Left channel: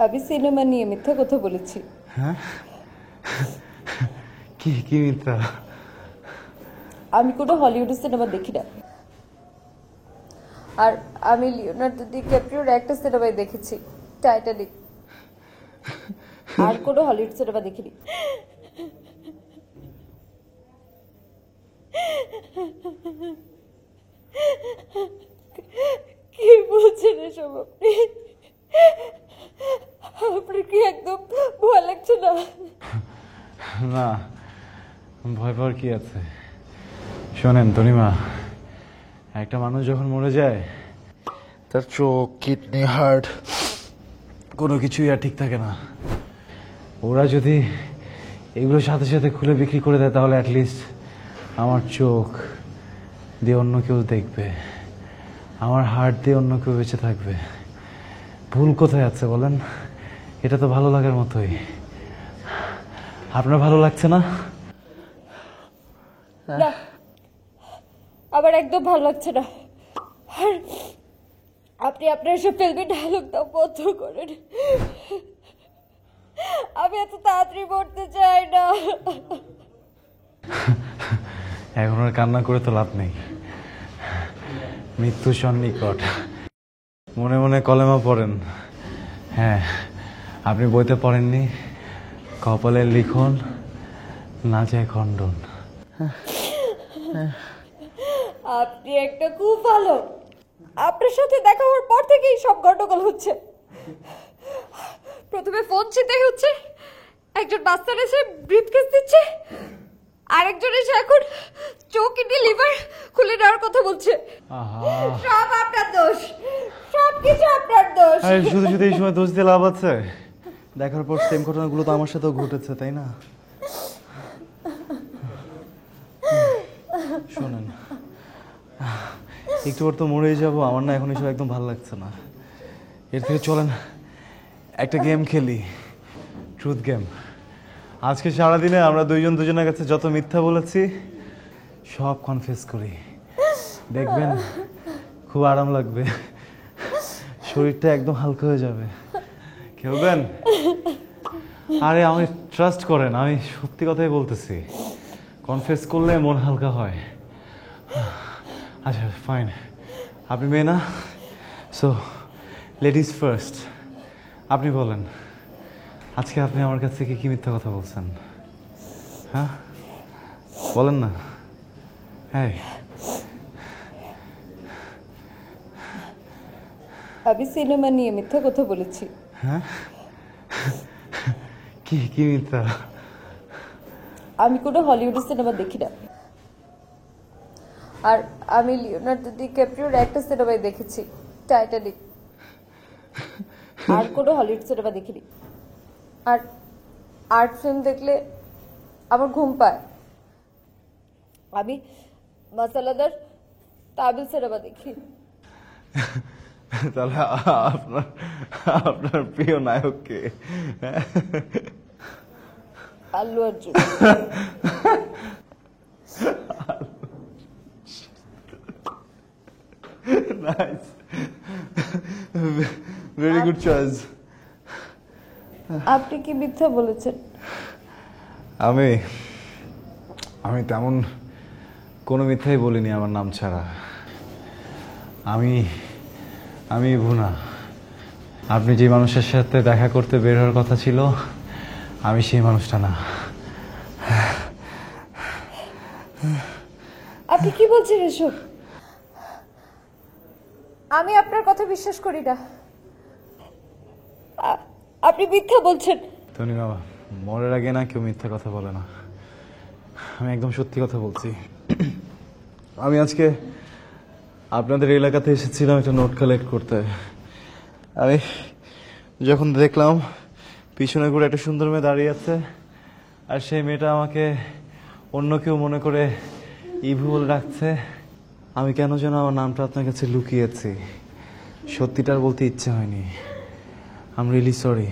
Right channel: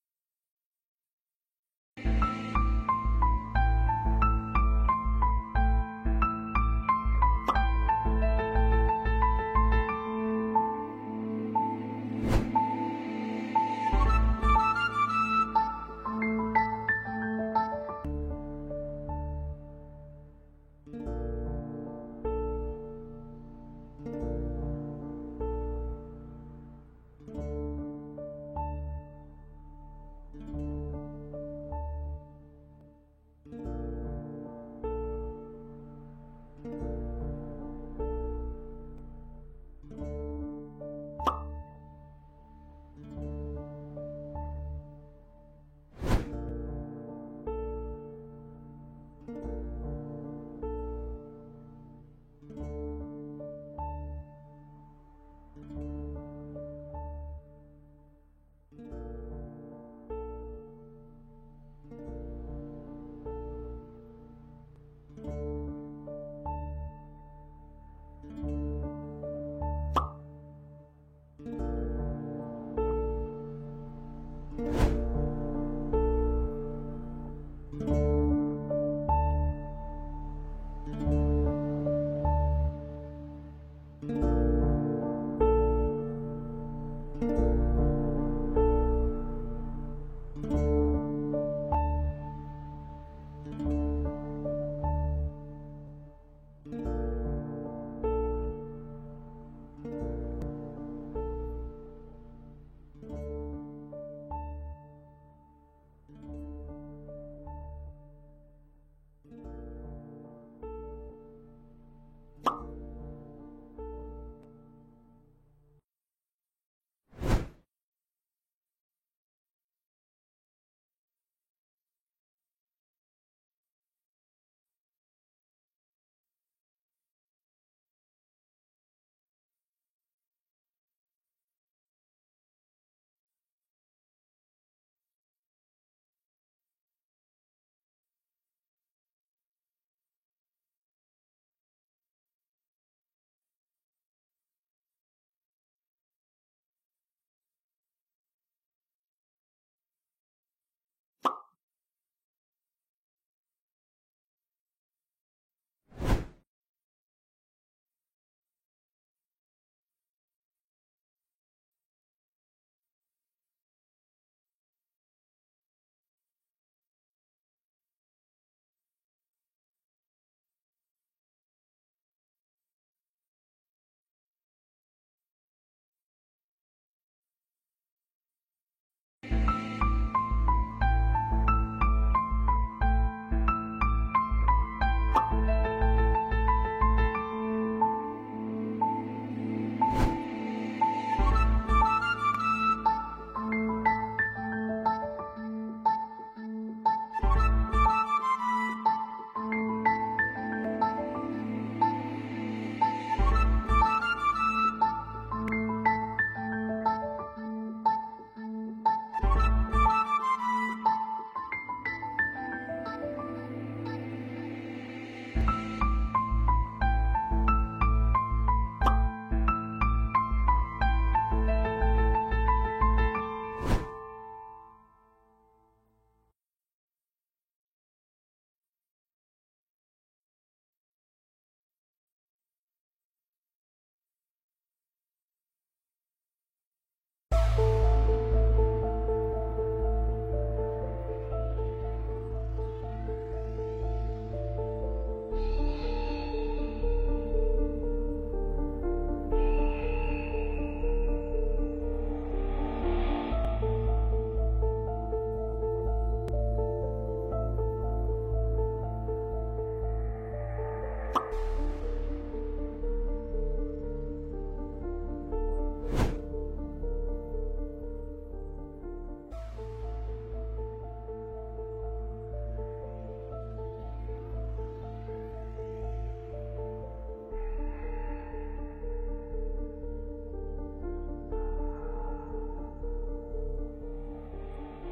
আমি সিনেমা নিয়ে মিথ্যা কথা বলেছি। হ্যাঁ? কি কি মিথ্যা? আমি কোনো হলিউডের সিনেমা দেখি না। আর আমি লিওনার্দো ডিক্যাপ্রিওর একটা সিনেমায় দেখেছি, টাইটানিক। আর কোনো হলিউড সিনেমা দেখিনি। কি বলছেন এসব আপনি? আপনার কি একদম ভয় লাগছে না? না, ভয় পাওয়ার কি আছে? শোনেন তনিমা, একটা মানুষ যখন মরে যায় তার চোখ, কিডনি, হার্ট কোনো কিছুই আর ঠিক থাকে না। ওরা যদি এগুলোর সাথে সাথে খুলে বিক্রি করে দেয় তাহলে অ্যাটলিস্ট আমার চোখ দিয়ে অন্য কেউ দেখবে, আমার হার্ট দিয়ে অন্য কেউ বেঁচে থাকবে। ভুল কোথায় আছে বলেন? এটা তো ভালো লাগার মতোই। আপনার ভালো লাগছে না? না, আমার একদম ভালো লাগছে না। আর আপনি আপনার সব ফিল্মে ডায়লগ দাও বন্ধ করেন। আমি এত তাড়াতাড়ি মরতে চাই না। এখন আর কান্না করে তো লাভ নেই, মৃত্যু সন্নিকট। মনে মনে কলেমা পড়েন। হ্যাঁ, আপনি বইতে পড়েননি, কপালের লিখন না যায় খণ্ডন। আপনি একটা খুব ভালো। আপনার সাথে দেখা হওয়ার পর থেকেই সব গন্ডগোল হচ্ছে। প্রথমে ফোন ছিনতাই হচ্ছে, একজন বাস্তার এসে ব্রিফকেস দিচ্ছে, আরেকজন এসে এখন চোখ, কিডনি, লিভার খুলে নেওয়ার কথা বলছে। সব আপনার দোষ, সব কিছু আপনার দোষ। আরে শুধু শুধু এই সময় দোষ দিয়ে লাভ আছে? দেখার পর সেম ঘটনাগুলো তো আমার সাথেও ঘটেছে, তাই না? শোনেন, একটু পর তো মরেই যাবো, আমার না এখন এসব একদম ভালো লাগছে না। এর থেকে চলেন একটা গেম খেলি, ট্রুথ গেম। আজকে সারাদিনে আমরা দুইজন দুজনের কাছে যত মিথ্যা বলেছি সব কনফেস করি, দেখবেন খুব আরাম লাগবে, শরীরটা একদম হালকা হয়ে যাবে। খেলবেন? আরে আমি ট্রাস্ট করেন, আমি সত্যি কথাই বলতেছি। কনফেস করলে মন হালকা হয়। আচ্ছা ফাইন, আপনি মেয়ে না, সো লেডিস ফার্স্ট। আপনি বলেন, আজকে আপনি আমার কাছ থেকে কি মিথ্যা কথা বলছেন? হ্যাঁ বলেন না। হ্যাঁ, আমি সিনেমা নিয়ে মিথ্যা কথা বলেছি। হ্যাঁ, কি কি মিথ্যা? আমি কোনো হলিউডের সিনেমা দেখি না। আর আমি লিওনার্দো ডিক্যাপ্রিওর একটা সিনেমায় দেখেছি, টাইটানিক। আর কোনো হলিউড সিনেমা দেখিনি। আর আর্ট ফিল্ম দেখলে আমার ঘুম পায়। আমি মশলাদার তামিল সিনেমা দেখি। তাহলে আপনার আপনার প্রিয় নায়ক কে? Allu Arjun. Very good choice. আপনি কি মিথ্যা বলেছেন? আমি আমি তেমন কোনো মিথ্যাই বলিনি আমার নাম ছাড়া। আমি আমি ভুনা। আপনি যে মানুষের সাথে দেখা করতে বের হওয়ার কথা ছিল আমি সেই মানুষটা না। আপনি কি বলছেন এসব? আমি আপনার কথা বিশ্বাস করি না। আপনি মিথ্যা বলছেন। তনি বাবা, মরার আগে না কেউ মিথ্যা কথা বলে না। আমি একদম সত্যি কথা বলছি। আমি আজকে আপনাদের এলাকাতে এসেছিলাম একটা নোট কালেক্ট করতে। আমি যখন দেখলাম পিছনে করে একটা সুন্দর মেয়ে দাঁড়িয়ে আছে, আর সেই মেয়েটা আমাকে অন্য কেউ মনে করে ইভু বলে ডাকছে, আমি কেন যেন আমার নামটা আপনার কাছে লুকিয়েছি। সত্যিটা আর বলতে ইচ্ছে হয়নি। I am really sorry.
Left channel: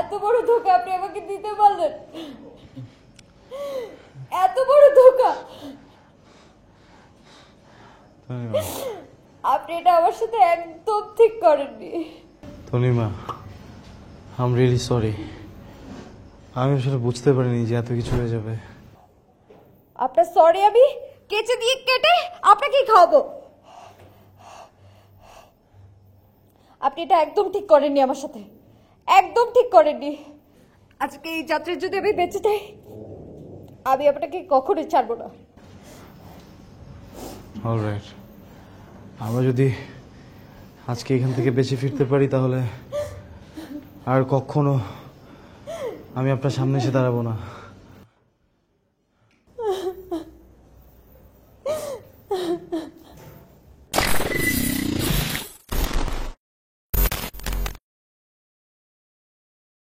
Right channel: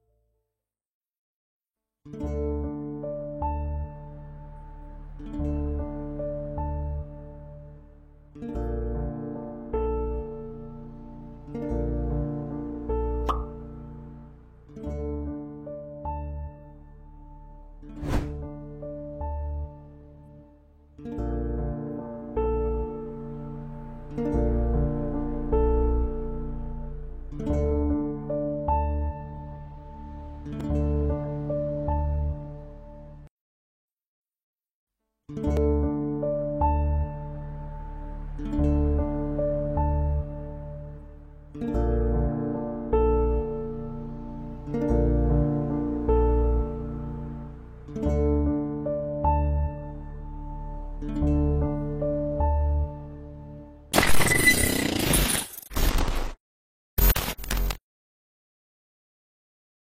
এত বড় ধোঁকা আপনি আমাকে দিতে পারলেন? এত বড় ধোঁকা! আপনি এটা আমার সাথে একদম ঠিক করেননি। Tanima, I am really sorry. আমি আসলে বুঝতে পারিনি যে এত কিছু হয়ে যাবে। আপনার সরি আমি কেচে দিয়ে কেটে আপনাকে খাওয়াবো। আপনি এটা একদম ঠিক করেননি আমার সাথে, একদম ঠিক করেননি। আজকে এই যাত্রায় যদি আমি বেঁচে যাই, আমি আপনাকে কখনোই ছাড়বো না। অলরাইট, আমরা যদি আজকে এখান থেকে বেঁচে ফিরতে পারি তাহলে আর কখনো আমি আপনার সামনে এসে দাঁড়াবো না।